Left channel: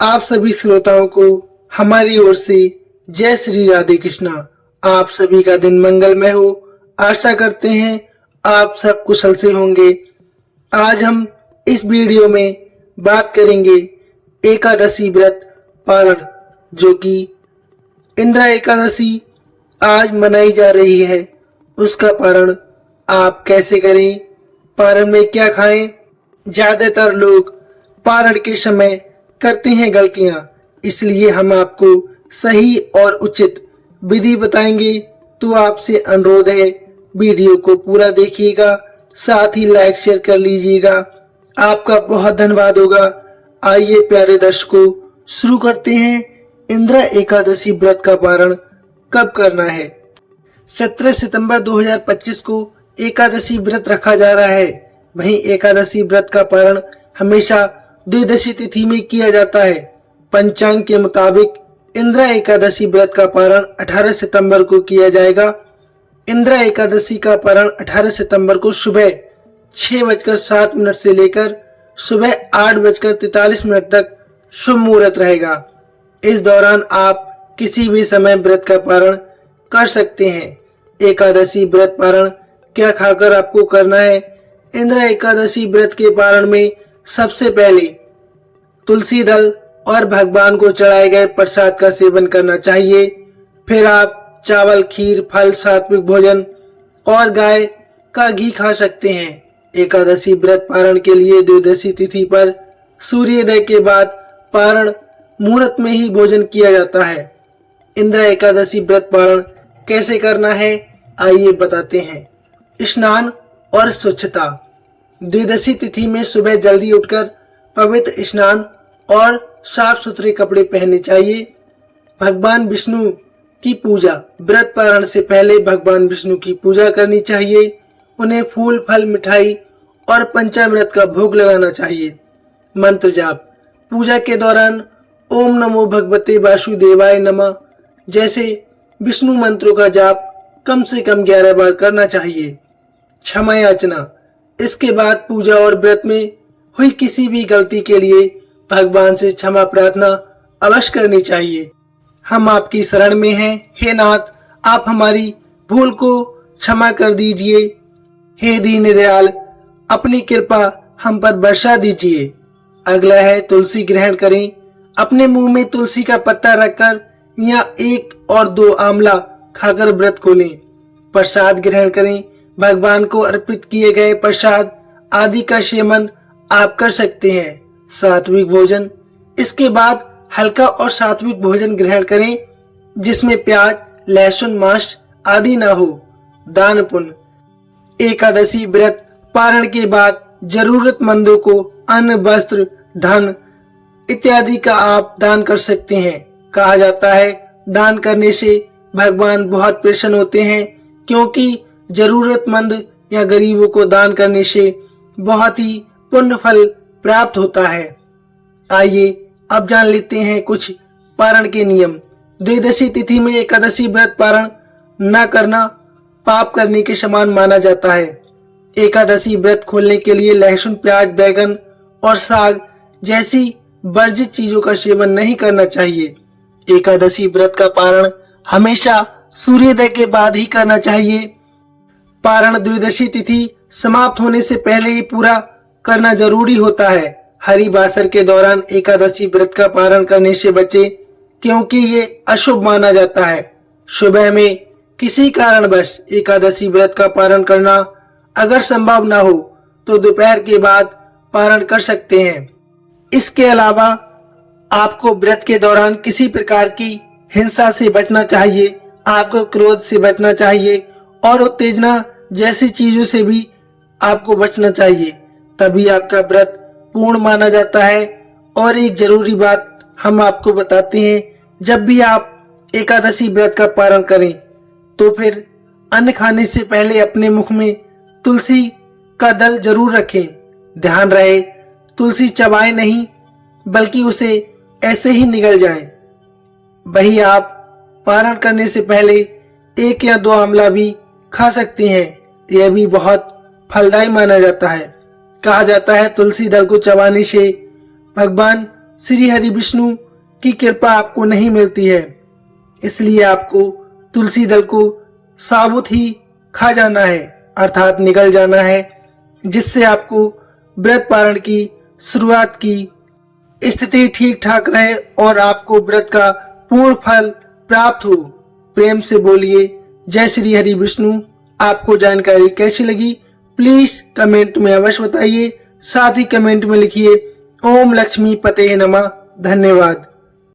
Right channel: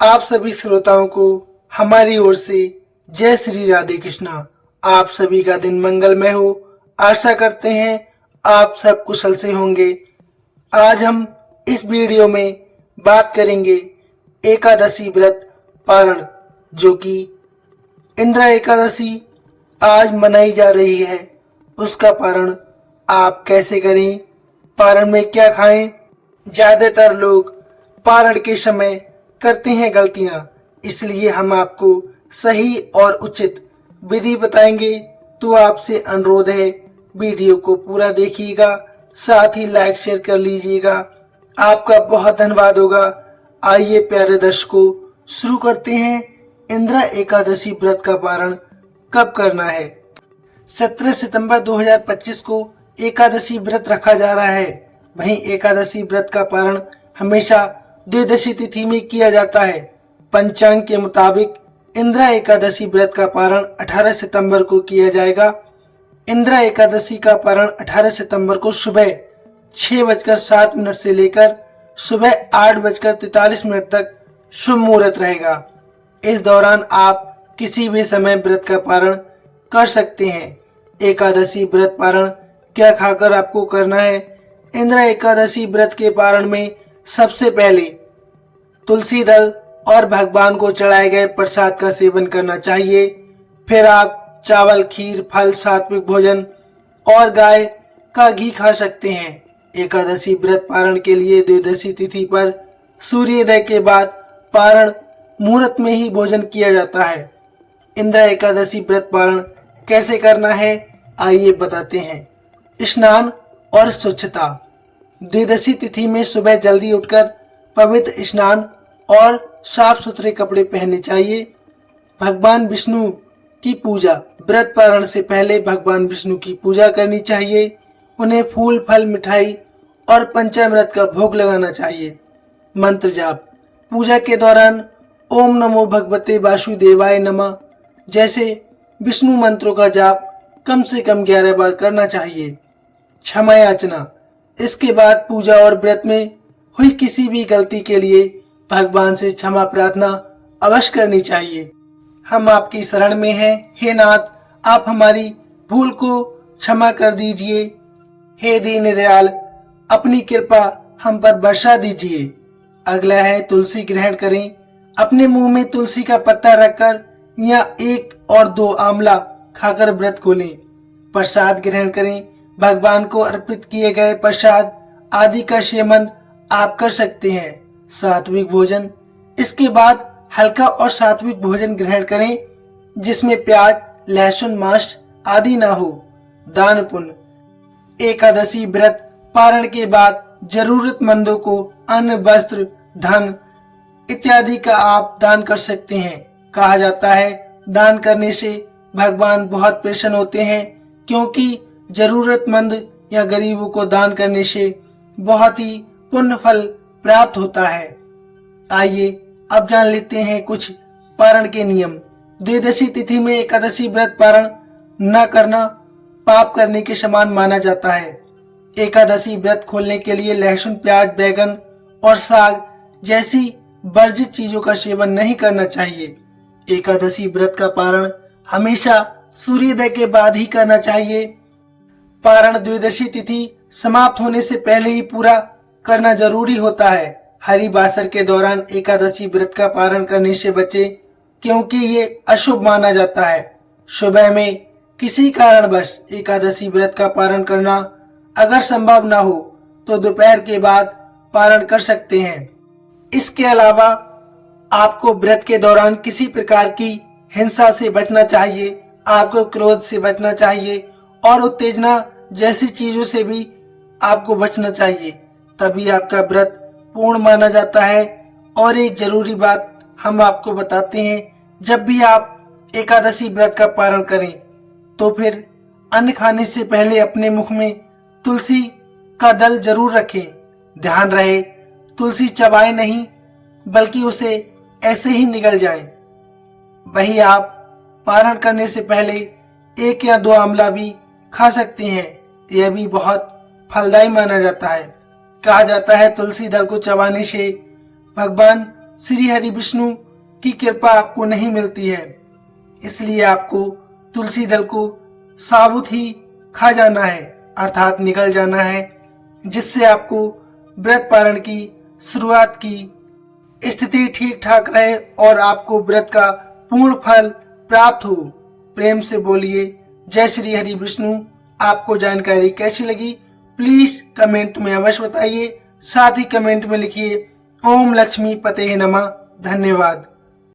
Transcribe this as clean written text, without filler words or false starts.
आप सभी श्रोताओं को हमारी ओर से जय श्री राधे कृष्णा। आप सभी का दिन मंगलमय हो। आशा करते हैं आप सब कुशल से होंगे। आज हम इस वीडियो में बात करेंगे एकादशी व्रत पारण, जो कि इंद्रा एकादशी आज मनाई जा रही है। उसका पारण आप कैसे करें, पारण में क्या खाएं। ज्यादातर लोग पारण के समय करते हैं गलतियां, इसलिए हम आपको सही और उचित विधि बताएंगे। तो आपसे अनुरोध है, वीडियो को पूरा देखिएगा, साथ ही लाइक शेयर कर लीजिएगा। आपका बहुत धन्यवाद होगा। आइए प्यारे दर्शकों, शुरू करते हैं। इंद्रा एकादशी व्रत का पारण कब करना है? 17 सितंबर 2025 को एकादशी व्रत रखा जा रहा है। वहीं एकादशी व्रत का पारण हमेशा द्वादशी तिथि में किया जाता है। पंचांग के मुताबिक इंद्रा एकादशी व्रत का पारण 18 सितंबर को किया जाएगा। इंद्रा एकादशी का पारण 18 सितंबर को सुबह 6:07 से लेकर सुबह 8:43 तक शुभ मुहूर्त रहेगा। इस दौरान आप किसी भी समय व्रत का पारण कर सकते हैं। एकादशी व्रत पारण क्या खाकर आपको करना है? इंद्रा एकादशी व्रत के पारण में सबसे पहले तुलसी दल और भगवान को चढ़ाए गए प्रसाद का सेवन करना चाहिए। फिर आप चावल, खीर, फल, सात्विक भोजन और गाय का घी खा सकते हैं। एकादशी व्रत पारण के लिए द्वादशी तिथि पर सूर्योदय के बाद पारण मुहूर्त में ही भोजन किया जाता है। इंद्रा एकादशी व्रत पारण कैसे करना है, आइए बताते हैं। स्नान और स्वच्छता। द्वादशी तिथि में सुबह जल्दी उठकर पवित्र स्नान और साफ सुथरे कपड़े पहनने चाहिए। भगवान विष्णु की पूजा। व्रत पारण से पहले भगवान विष्णु की पूजा करनी चाहिए। उन्हें फूल, फल, मिठाई और पंचामृत का भोग लगाना चाहिए। मंत्र जाप। पूजा के दौरान ओम नमो भगवते वासुदेवाय नमः जैसे विष्णु मंत्रों का जाप कम से कम 11 बार करना चाहिए। क्षमा याचना। इसके बाद पूजा और व्रत में हुई किसी भी गलती के लिए भगवान से क्षमा प्रार्थना अवश्य करनी चाहिए। हम आपकी शरण में हैं, हे नाथ, आप हमारी भूल को क्षमा कर दीजिए। हे दीन दयाल, अपनी कृपा हम पर बरसा दीजिए। अगला है तुलसी ग्रहण करें। अपने मुंह में तुलसी का पत्ता रखकर या 1 और 2 आंवला खाकर व्रत खोलें। प्रसाद ग्रहण करें। भगवान को अर्पित किए गए प्रसाद आदि का सेवन आप कर सकते हैं। सात्विक भोजन। इसके बाद हल्का और सात्विक भोजन ग्रहण करें, जिसमें प्याज, लहसुन, मांस आदि ना हो। दान पुण्य। एकादशी व्रत पारण के बाद जरूरतमंदों को अन्न, वस्त्र, धन इत्यादि का आप दान कर सकते हैं। कहा जाता है, दान करने से भगवान बहुत प्रसन्न होते हैं, क्योंकि जरूरतमंद या गरीबों को दान करने से बहुत ही पुण्य फल प्राप्त होता है। आइए अब जान लेते हैं कुछ पारण के नियम। द्वादशी तिथि में एकादशी व्रत पारण न करना पाप करने के समान माना जाता है। एकादशी व्रत खोलने के लिए लहसुन, प्याज, बैगन और साग जैसी वर्जित चीजों का सेवन नहीं करना चाहिए। एकादशी व्रत का पारण हमेशा सूर्योदय के बाद ही करना चाहिए। पारण द्वादशी तिथि समाप्त होने से पहले ही पूरा करना जरूरी होता है। हरिवासर के दौरान एकादशी व्रत का पारण करने से बचे, क्योंकि ये अशुभ माना जाता है। सुबह में किसी कारणवश एकादशी व्रत का पारण करना अगर संभव ना हो तो दोपहर के बाद पारण कर सकते हैं। इसके अलावा आपको व्रत के दौरान किसी प्रकार की हिंसा से बचना चाहिए। आपको क्रोध से बचना चाहिए और उत्तेजना जैसी चीजों से भी आपको बचना चाहिए, तभी आपका व्रत पूर्ण माना जाता है। और एक जरूरी बात हम आपको बताते हैं, जब भी आप एकादशी व्रत का पारण करें तो फिर अन्न खाने से पहले अपने मुख में तुलसी का दल जरूर रखें। ध्यान रहे, तुलसी चबाए नहीं, बल्कि उसे ऐसे ही निगल जाए। वही आप पारण करने से पहले 1 या 2 आंवला भी खा सकते हैं। यह भी बहुत फलदायी माना जाता है। कहा जाता है, तुलसी दल को चबाने से भगवान श्री हरि विष्णु की कृपा आपको नहीं मिलती है, इसलिए आपको तुलसी दल को साबुत ही खा जाना है, अर्थात निगल जाना है, जिससे आपको व्रत पारण की शुरुआत की स्थिति ठीक ठाक रहे और आपको व्रत का पूर्ण फल प्राप्त हो। प्रेम से बोलिए जय श्री हरि विष्णु। आपको जानकारी कैसी लगी प्लीज कमेंट में अवश्य बताइए। साथ ही कमेंट में लिखिए ओम लक्ष्मी पते नमः। धन्यवाद।